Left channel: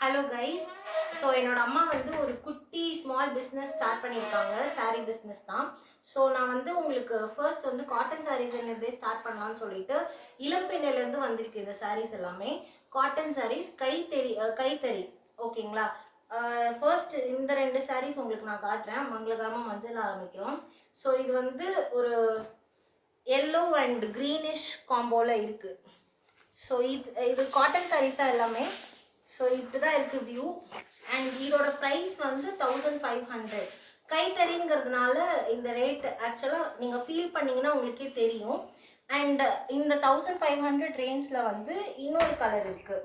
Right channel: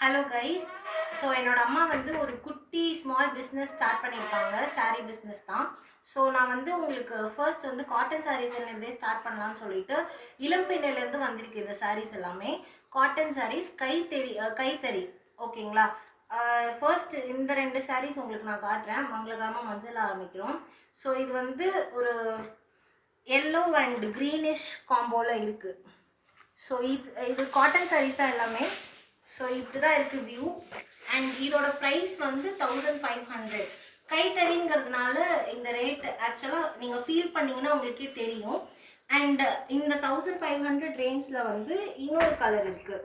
Hello guys. So என்னோட அம்மா வந்து ஒரு குட்டி ஸ்மால் பிஸ்னஸ் ஸ்டார்ட் பண்ணியிருக்காங்க. சாரீ பிஸ்னஸ் தான். ஸோ நான் வந்து உங்களுக்கு ஃபர்ஸ்ட் வந்து காட்டன் சாரீஸ்லேருந்தே ஸ்டார்ட் பண்ணலான்னு சொல்லிட்டு இளம்பிள்ளையிலேருந்து வந்திருக்கு இந்த சாரீஸ் எல்லாமே. காட்டன் சாரீஸ் கைத்தறி ஓகேங்களா. ஃபர்ஸ்ட் இந்த ரெண்டு சாரீஸ் உங்களுக்கு நான் காட்டுறேன். மங்களகரமாக மஞ்சள் ஆரம்பிக்கிறோம். ஸோ இது வந்து ஒரு எல்லோ அண்ட் க்ரீனிஷ் காம்போவில் இருக்குது. ஸோ இது காட்டன் சாரீஸ் தான் எல்லாமே. ஸோ இப்படி தான் இருக்குது வியூ. அண்ட் இதோட ப்ரைஸ் வந்து 1500. கைத்தறிங்கிறதுனால இந்த ரேட் ஆக்சுவலாக நீங்கள் ஃபீல் பண்ணிங்கன்னா உங்களுக்கே தெரியும். அண்ட் இந்த 1500 ரேஞ்சில் வந்து இன்னொரு கலர் இருக்குது.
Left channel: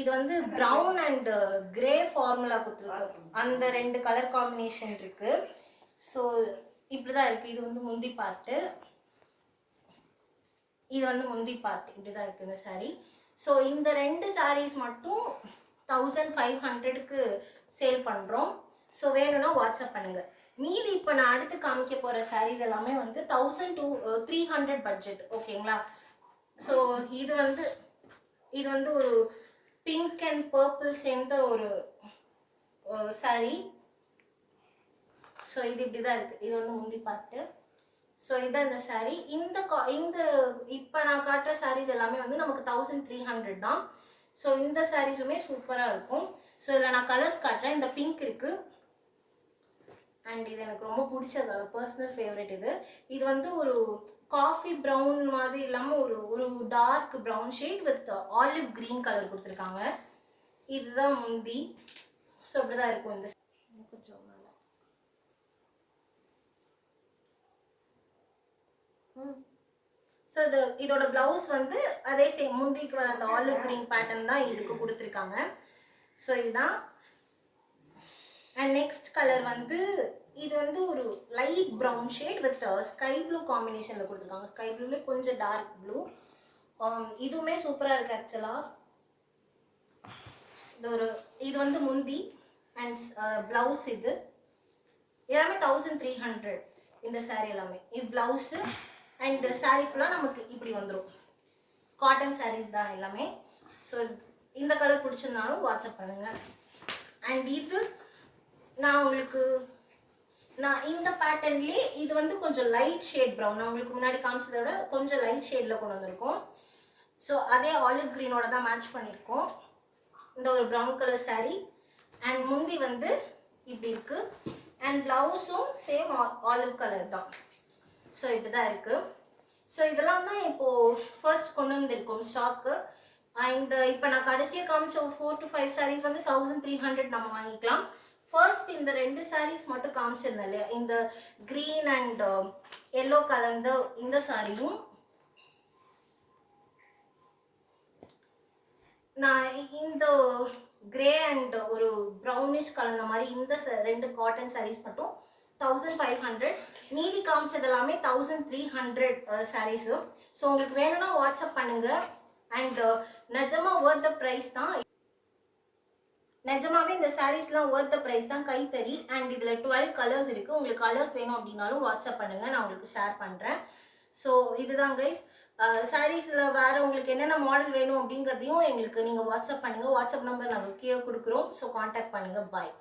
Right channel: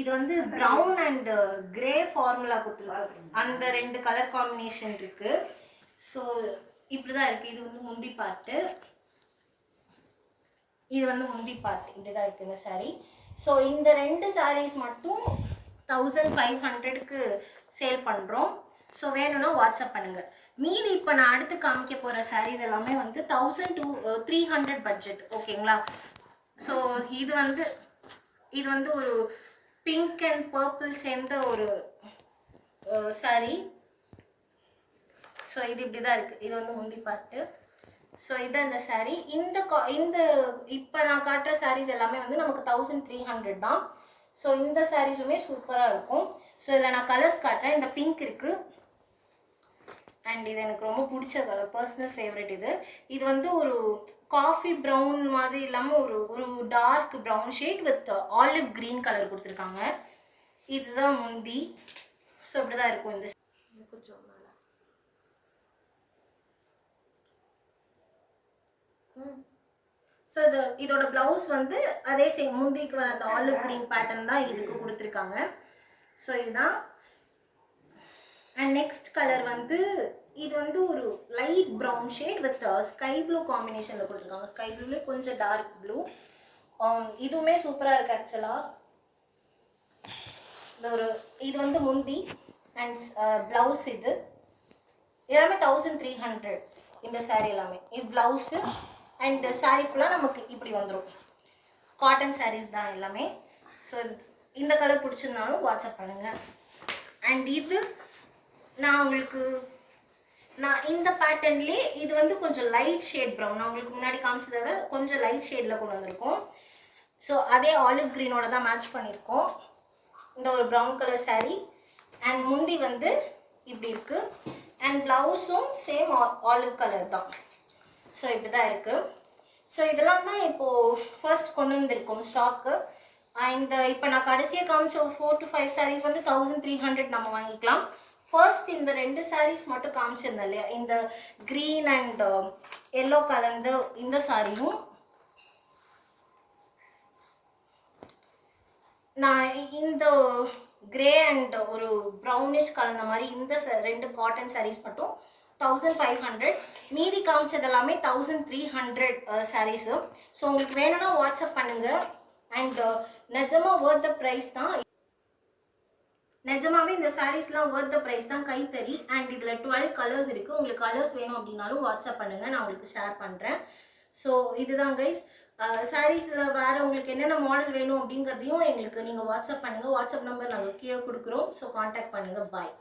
இது வந்து ப்ரௌன் அண்ட் கிரே ஃபார்முலா கொடுத்துருக்காங்க. அந்த ரெண்டு கலர் காம்பினேஷன் இருக்குது. ஸோ இப்படி தான் இருக்குது. இது வந்து முந்தி பார்ட்டு, இது வந்து முந்தி பார்ட். இப்படி தான் இருக்குது இந்த சாரீ. ஸோ இந்த ரெண்டு சாரீஸ் மட்டும் 1500க்கு சேல் பண்ணுறோம். ஸோ வேணும்னா வாட்ஸ்அப் பண்ணுங்கள். மீதி இப்போ நான் அடுத்து காமிக்க போகிற சாரீஸ் எல்லாமே வந்து 1300 பட்ஜெட் ஓகேங்களா. ஸோ இது வந்து ஒரு பிங்க் அண்ட் பர்பிள் சேர்ந்த ஒரு சாரீ. ஸோ இது இப்படி தான் இருக்குது. இது வந்து முந்தி பார்ட்டு. ஸோ இதுதான் இந்த சாரீ. இந்த இப்போ நான் காட்டுற சாரீஸ் எல்லாமே வந்து நமக்கு 1300 தான். ஸோ இந்த சாரீஸுமே சூப்பராக இருக்கும். ஸோ இதில் நான் கலர்ஸ் காட்டுறேன். இந்த பிங்க் இருக்குது அண்ட் இது எனக்கு ரொம்ப பிடிச்ச கலர், பர்சனல் ஃபேவரட். இது வந்து ஒரு காஃபி ப்ரௌன் மாதிரி இல்லாமல் ஒரு dark brown shade with olive green colour கொடுத்துருக்காங்க. இதுதான் முந்தி. ஸோ இப்படி தான் இருக்கும். இந்த கொஞ்சம் ஸோ இதோட ப்ளவுஸ் வந்து அதே சேம் முந்திக்கு வர அந்த ஆலிவ் க்ரீன் பேட்டர்ன் தான் இதுக்கு கொடுத்துருக்காங்க. ஸோ இதுதான். அண்ட் நெக்ஸ்ட் கலர் வந்து இது வந்து ஒரு light brown shade with sky blue காம்பினேஷனில் கொடுத்துருக்காங்க. ஸ்கை ப்ளூலேயே கொஞ்சம் டார்க் ப்ளூ. இதுவுமே சூப்பராக இருக்குது ஆக்சுவலாக. இது வந்து முந்தி அண்ட் ப்ளவுஸ். இது எல்லாமே 1300 இந்த சாரீ எல்லாமே. இது ப்ளவுஸு அண்ட் சாரீ ஃபுல்லாக நமக்கு இப்படி வந்துடும். காட்டன் சாரீஸ் தான் எல்லாமே. ஸோ இந்த கலர் பிடிச்சிருந்தாலும் வாட்ஸ்அப் பண்ணுங்கள். அண்ட் இது நான் இந்த பேட்டர்ன்லேயே இது வந்து கொஞ்சம் லைட் ஷேட் ப்ரௌன். நான் உங்களுக்கு முன்னாடி காமிச்சதை விட கொஞ்சம் லைட் ஷேடில் கொண்டு வந்திருக்கோம். ஸோ அதே ஆலிவ் க்ரீனோட தான் மேட்ச் பண்ணியிருக்கோம். இந்த ஒரு ப்ரௌன் கலர் சாரீ அண்ட் முந்தி வந்து இப்படி இருக்குது. அண்ட் ப்ளவுஸும் சேம் ஆலிவ் கலர் தான். ஸோ இப்படி தான் இருக்குது. ஸோ இதெல்லாம் தான் இப்போது ஃபர்ஸ்ட் கொண்டு வந்திருக்கோம் ஸ்டாக்கு. இப்போ நான் கடைசியாக காமிச்ச ஒரு 4 to 5 சாரீஸ் வந்து 1300 நம்ம வாங்கிக்கலாம். ஃபர்ஸ்ட் இந்த ரெண்டு சாரீஸ் மட்டும் காமிச்சிருந்தேன் இல்லையா, இந்த க்ரீன் அண்ட் எல்லோ கலந்து இந்த சாரியும் நான் இந்த கிரே அண்ட் ஒரு ப்ரௌனிஷ் கலந்த மாதிரி இந்த ரெண்டு காட்டன் சாரீஸ் மட்டும் 1500. மீதி காமிச்சது எல்லாமே 1300 சாரீஸு. ஸோ உங்களுக்கு வேணும்னா வாட்ஸ்அப் பண்ணுங்கள். அண்ட் நிஜமாக ஒர்த் த ப்ரைஸ் தான். நிஜமாவே இந்த சாரீஸ்லாம் ஒர்த் த ப்ரைஸ் தான். கைத்தறி அண்ட் இதில் 12 கலர்ஸ் இருக்குது. உங்களுக்கு கலர்ஸ் வேணும் அப்படின்னாலும் வாட்ஸ்அப் பண்ணுங்கள், நான் உங்களுக்கு ஷேர் பண்ணுறேன். ஸோ இதுதான் கைஸ். சாரீஸில் வேறு உங்களுக்கு என்னென்ன மாடல் வேணும் அப்படிங்கிறதையும் எங்களுக்கு நீங்கள் வாட்ஸ்அப் பண்ணுங்கள். வாட்ஸ்அப் நம்பர் நாங்கள் கீழே கொடுக்குறோம். ஸோ காண்டாக்ட் பண்ணுங்கள். பாய்.